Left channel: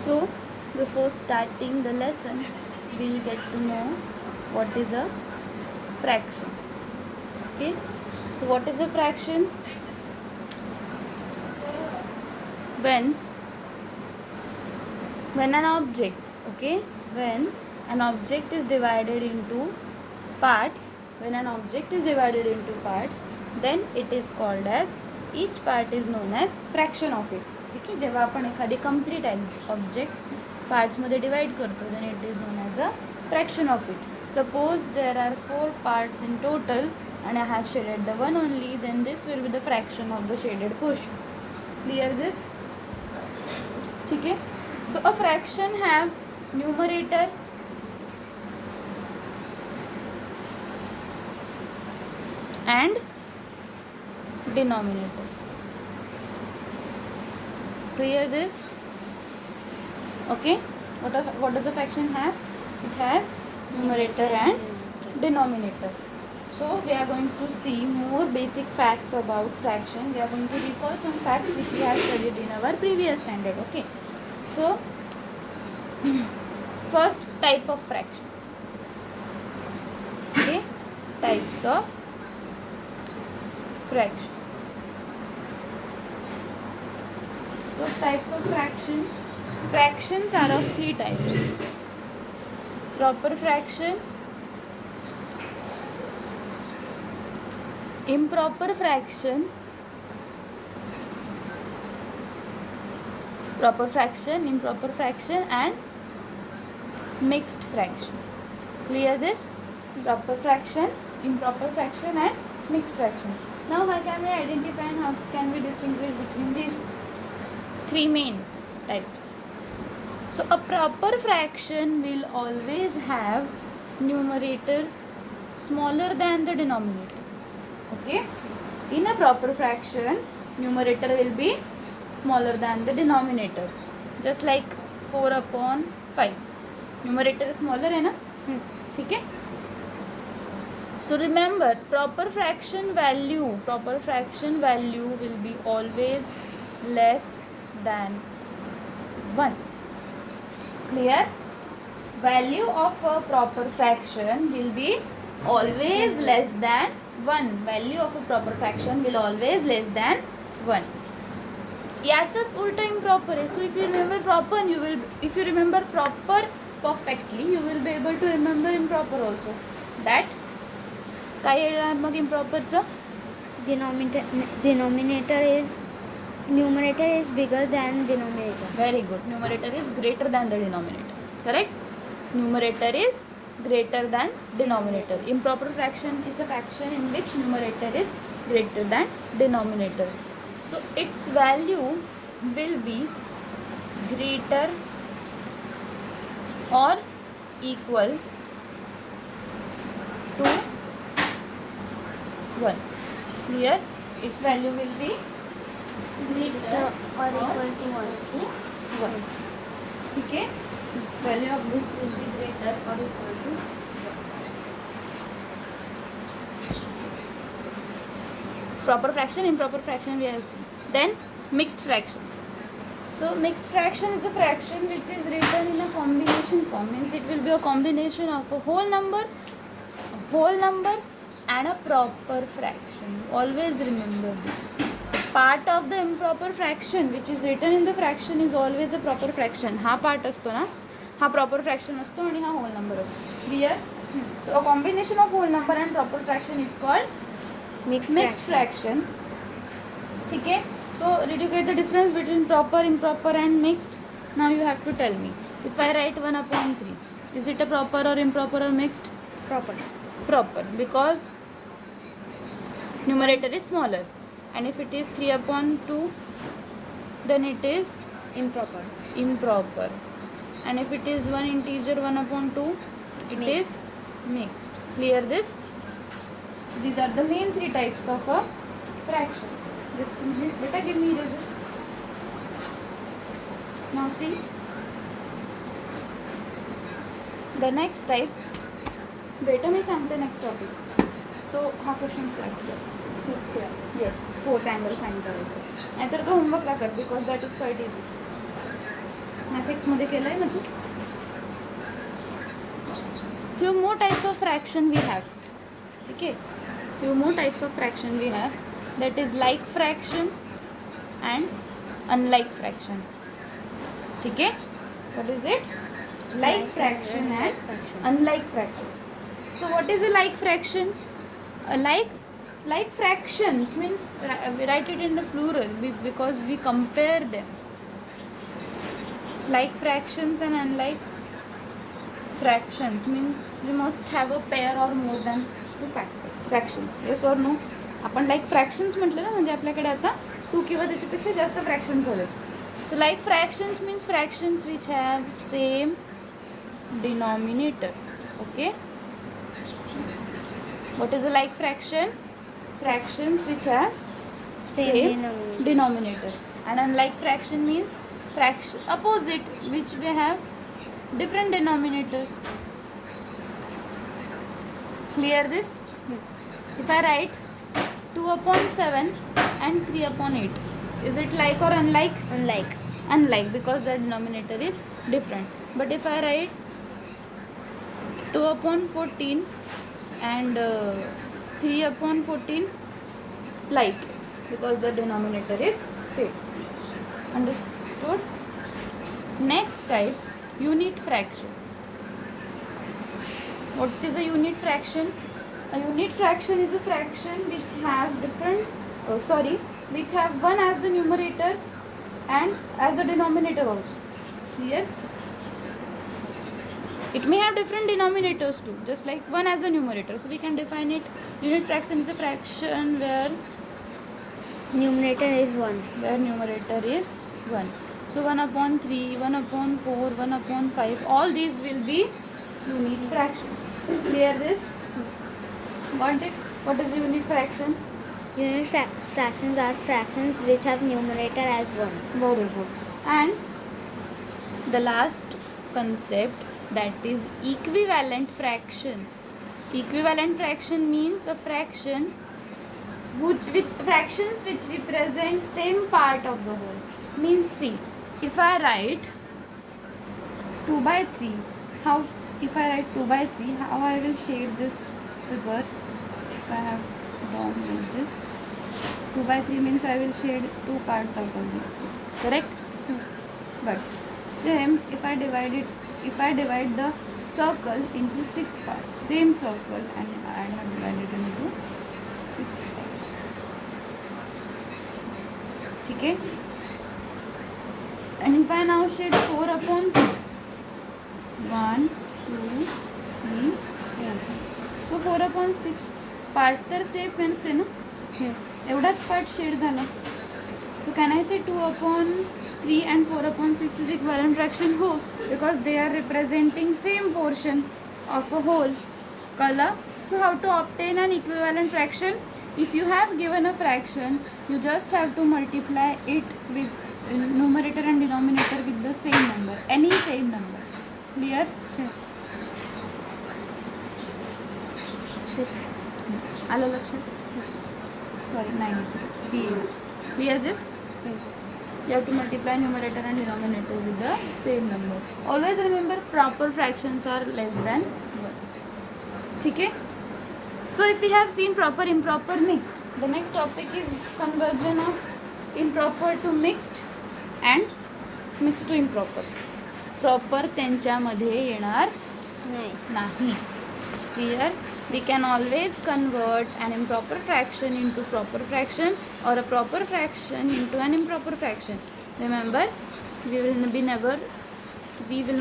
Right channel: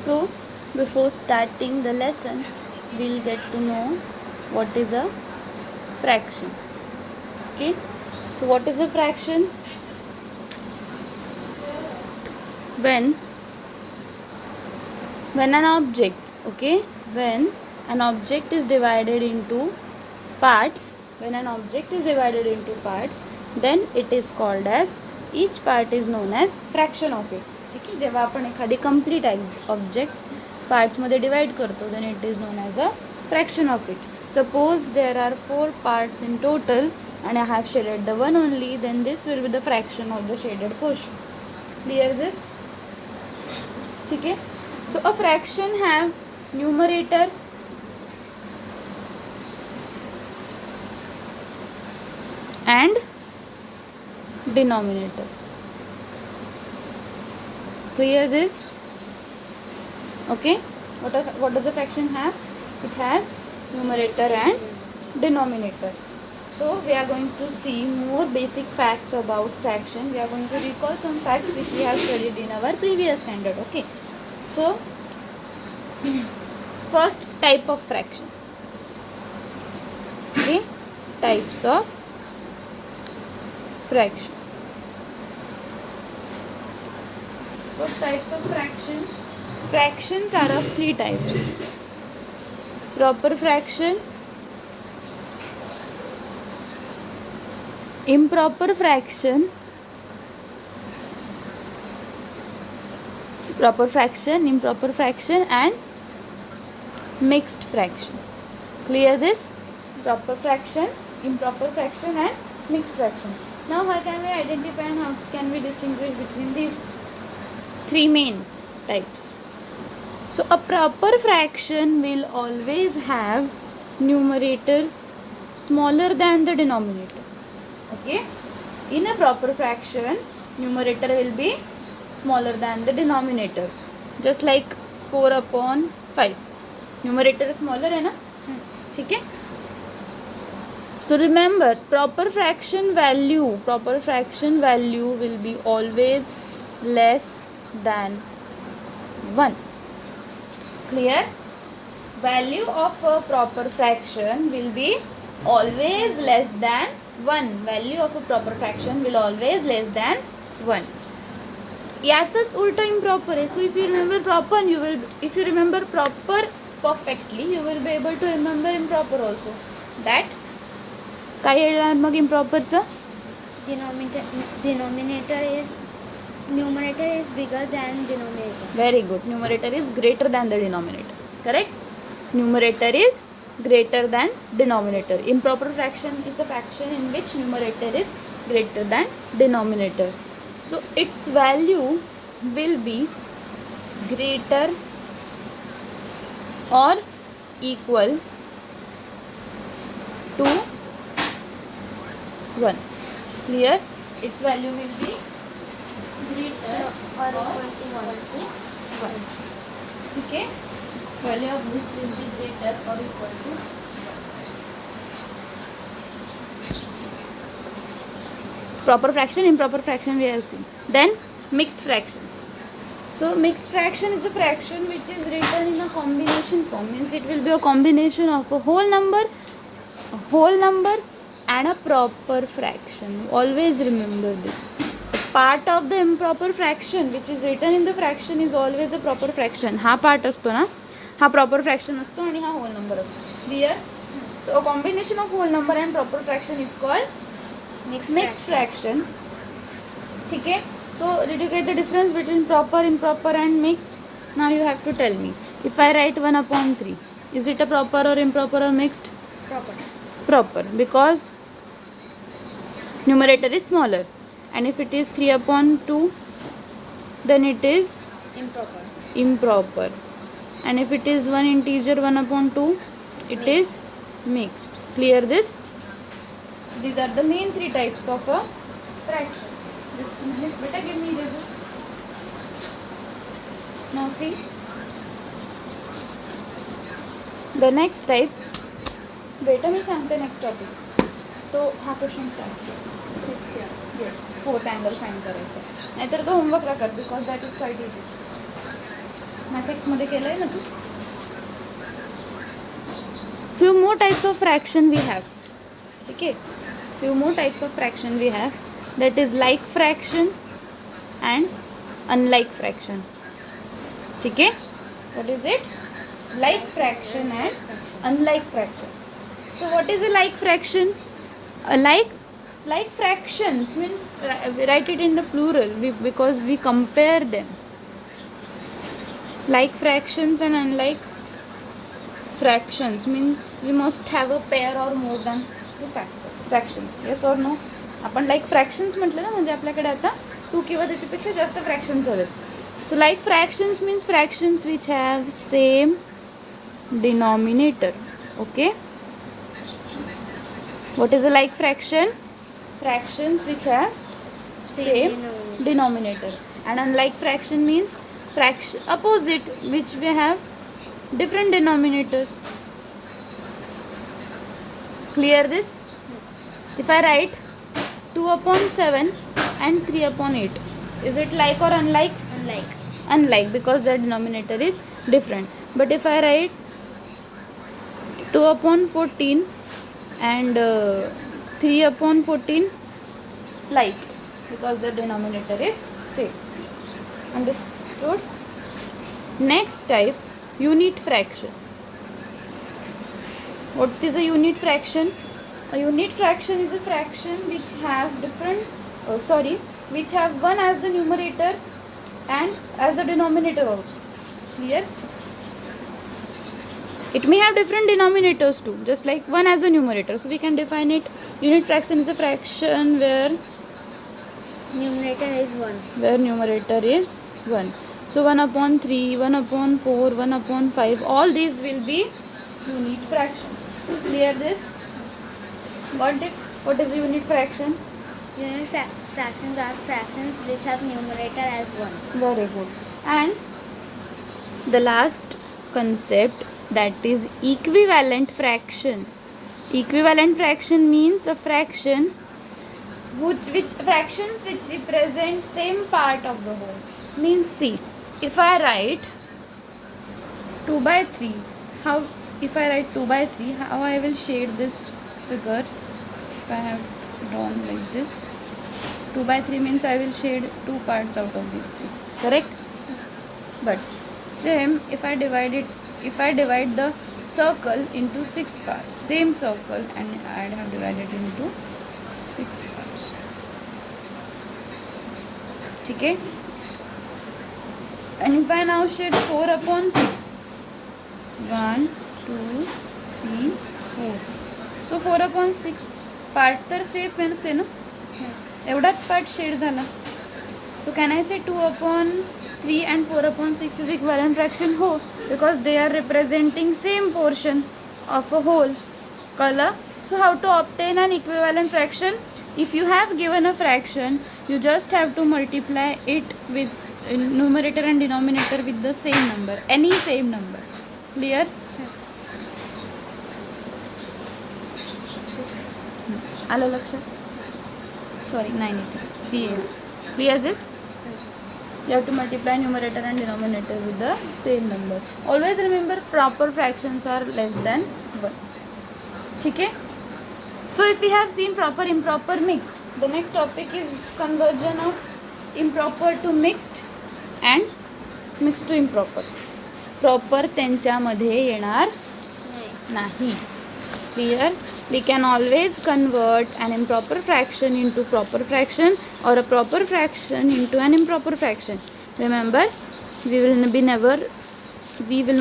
So before starting the lesson, we'll get to know what is a fraction. Okay, so what is a fraction? When an object, okay, when an object is divided into parts, then it is called as, each part is known as fraction of it. ठीक आहे, जेव्हा आपण एखादी complete object पार्ट्समध्ये divide करतो, then it is known as a fraction of it. Suppose there are 4 parts in total and I have shaded the one only, then this will be the fraction of the shaded portion. Clear this? ठीक है. So a fraction have numerator and denominator. Clear this? Okay. What does a fraction have? It has numerator and denominator. So we are going to see more basic facts about fraction. We are going to recall some facts which we have studied in our previous standard. Okay. So first type of fraction. Okay. Types of fraction. So types of fraction. Fractions are of 3 types. Proper fraction, improper fraction, proper fraction, improper fraction and mixed fraction. Clear this? Proper fraction, improper fraction and mixed fraction. Now how can we identify and how can we distinguish between these 3 main types? So a proper fraction will always have numerator smaller than the denominator. Okay, in a proper fraction numerator will be smaller than the denominator, just like 4/5. numerator is smaller है ना? ठीक है. So remember, proper fraction value will be always less than 1. Clear? Value of a proper fraction will be always less than 1. Value of a proper fraction will always less than 1. याचंच उलट improper आहे. So if you remember proper perfectly, you will be able to remember improper also. That काय येणार मग improperचं? Numerator is bigger than denominator. Very good. Numerator is greater than the denominator. Correct? Numerator is greater than denominator. Improper fraction is a fraction in which numerator is greater than denominator. So its value will be greater or equal to 1. Clear? Its value will be greater or equal to 1. Okay? Value of this will be greater or equal to 1. Proper fraction, improper fraction we have seen. Then mixed fraction. So mixed fraction is a fraction which is written in a combination form. Means it will be a combination of a whole number and a proper fraction. Always remember this. Part of the improper fraction which is written in the fraction is always a proper fraction. हा part असतो ना, हा proper fraction असतो आणि हा whole number असतो. Clear? So a combination of whole number and proper fraction is called mixed fraction. ठीक है? So did you get the difference between proper, improper and mixed? Now you have to tell me. If I write 1/3, is it a proper or improper or mixed? Proper, because numerator is smaller. And if it is 3/2, then it is improper. And if it is one integer 1/2, it is mixed. Clear this? So these are the main 3 types of a fraction. Just a minute, beta, give me eraser. Now see the next type. बेटा मी सांगते next topic. तो हा question start केला 6th year. Yes, 4th angle find करायचा. नाहीतर तो होमवर्कला कर, because that is quite easy. मॅथ्समध्ये केलं आहे ना तू. Few more types of fraction we have. ठीक आहे, few more types of fraction we have. That is like fraction and unlike fraction. ठीक आहे, what is it? Like fraction and unlike fraction. So what is a like fraction? Like fractions means we write it in the plural because we compare them. Like fractions and unlike fractions means we must have a pair or more than two fractions. Yes or no? आपण like fractions म्हटलं ना, म्हणजे आपल्याकडे आता 2 किंवा त्याच्यापेक्षा जास्त fractions आहेत. So like fractions means fractions which have same denominator. Okay, what is a like fraction? Fractions which have same denominator. And unlike fraction means fraction opposite which we have different denominators. Clear this? If I write 2 upon 7 and 3 upon 8, is it like or unlike? Unlike. Unlike, because the denominator is different. But if I write 2 upon 14 and 3 upon 14, like, because the denominator is same. Understood? Next type, unit fraction. What is a unit fraction? A unit fraction is a fraction which have which have one as the numerator and as a denominator also. Clear? It may have different denominators too, just like one as a numerator. So we can define it. Unit fraction is a fraction where Numerator is 1. numerator is 1. So 1 upon 3, 1 upon 4, 1 upon 5, all these will be unit fractions. Clear this? Got it? What is a unit fraction? Unit fractions are fractions which have numerator as 1. Very good. And the last concept, that is equivalent fraction. Equivalent fraction means a fraction which fractions which represent same part of the whole. Means see, if I write 2 by 3, how if I write 2 by 3, how I will shade this figure? If I have drawn like this, 2 by 3 means I will shade 2 parts out of these 3. Correct? But same, if I divide the circle into 6 parts, same circle, and I have divided into 6 parts. Okay? And if I now shade 4 upon 6, 1, 2, 3, 4. So 4 upon 6 part तर same आहे ना, एवढाच part shade झाला. So can I say 2 upon 3 and 4 upon 6 is equivalent fraction? हो, because they are representing same portion of a whole. कळलं? So how to obtain an equivalent fraction? If you have given a fraction, you just have to multiply it with numerator and denominator with the same number, any same number. Clear? 6. आलं लक्षात? Sorry, 9 it is. 3 8. Clear this? You have to multiply numerator and denominator with the same number. Always remember, proper fractions are less than 1. Okay? So if we have seen proper, improper, mixed, the next topic is conversion of improper to mixed and mixed to improper. Proper त्यांच्यामध्ये येणार नाही. Clear? We can always convert an improper fraction into proper fraction or a proper fraction into an improper fraction. Remember, we will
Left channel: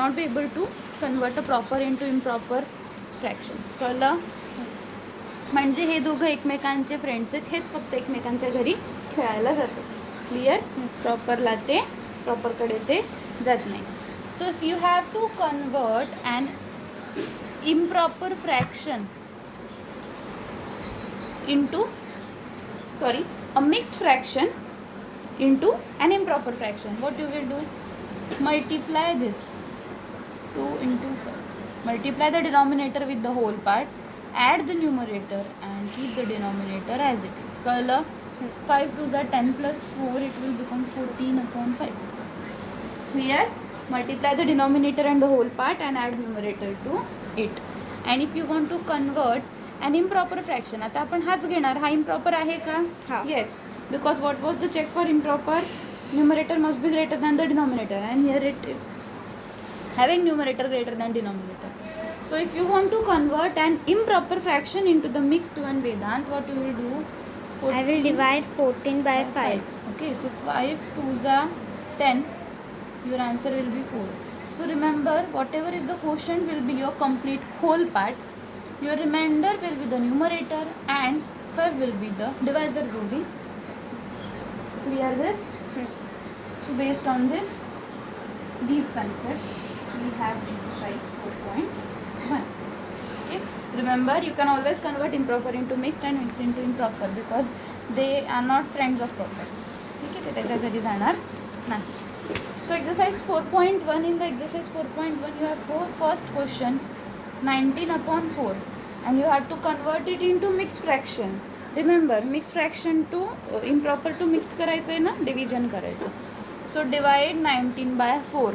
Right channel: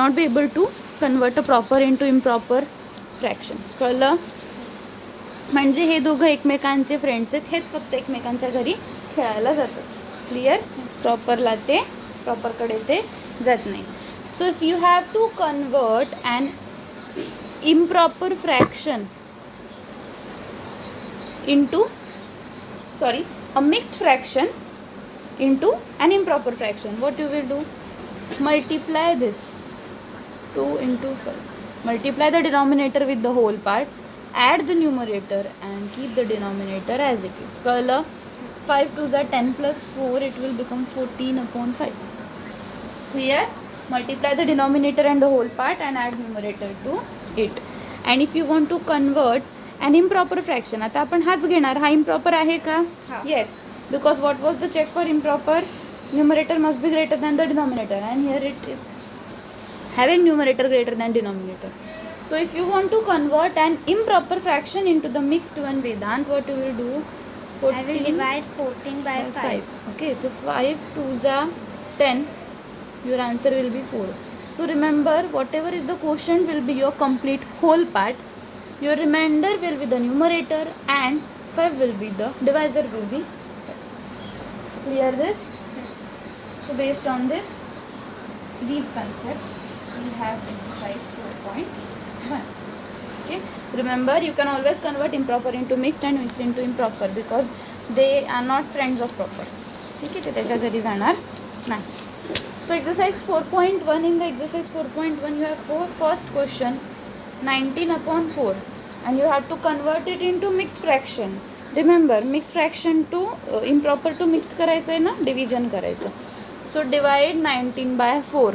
not be able to convert a proper into improper fraction. कळलं? म्हणजे हे दोघं एकमेकांचे friends आहेत, हेच फक्त एकमेकांच्या घरी खेळायला जातात. क्लिअर? प्रॉपरला ते प्रॉपरकडे ते जात नाही. So if you have to convert an improper fraction into a mixed fraction into an improper fraction, what you will do? Multiply this 2 into 5, multiply the denominator with the whole part, add the numerator and keep the denominator as it is. कळलं? 5 2s are 10 plus 4, it will become 14 upon 5. Clear? multiply the denominator and the whole part and add numerator to it. And if you want to convert an improper fraction, आता आपण हाच घेणार. हा improper आहे का? हा. Yes, because what was the check for improper? Numerator must be greater than the denominator, and here it is having numerator greater than denominator. So if you want to convert an improper fraction into the mixed one, Vedant, what you will do? I will divide 14 by 5. Okay, so 5 2s are 10. Your answer will be 4. So remember, whatever is the quotient will be your complete whole part. Your remainder will be the numerator and 5 will be the divisor will be. Clear this? So based on this, these concepts, we have exercise 4.1. Okay. Remember, you can always convert improper into mixed and mixed into improper because they are not friends of proper. ठीक आहे, ते त्याच्या घरी जाणार नाही. So exercise 4.1, in the exercise 4.1 you have first question 19/4 and you have to convert it into mixed fraction. Remember, mixed fraction to improper to mixed करायचं आहे ना, division करायचं. So divide 19/4.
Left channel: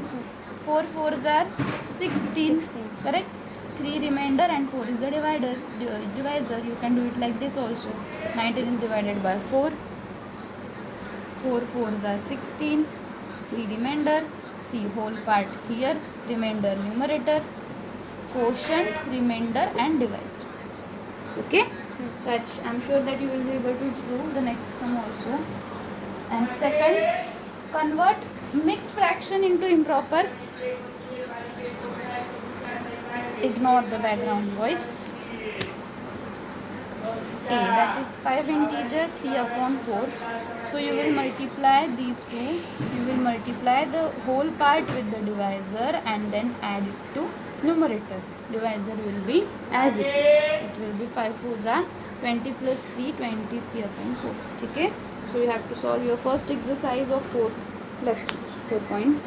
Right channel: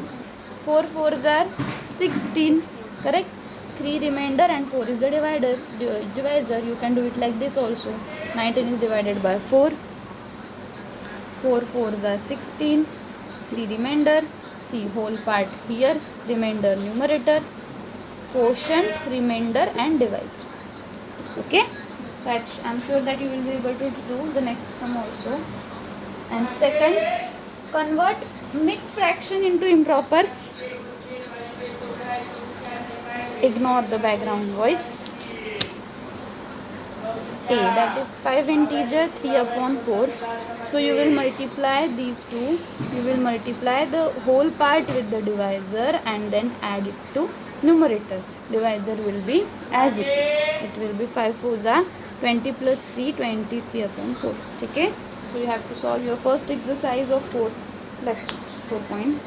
4 4s are 16, correct? 3 remainder and 4 is the divisor. You can do it like this also. 19 is divided by 4. 4 4s are 16. 3 remainder. See whole part here. Remainder numerator. Quotient, remainder and divisor. Okay? I'm sure that you will be able to do the next sum also. And second, convert mixed fraction into improper. Ignore the background voice. A, that is 5 integer 3/4. So you will multiply these two. You will multiply the whole part with the divisor and then add it to numerator. Divisor will be as it is. It will be 5 4s are 20 plus 3, 23/4. Okay? So you have to solve your first exercise of 4th lesson 4.1.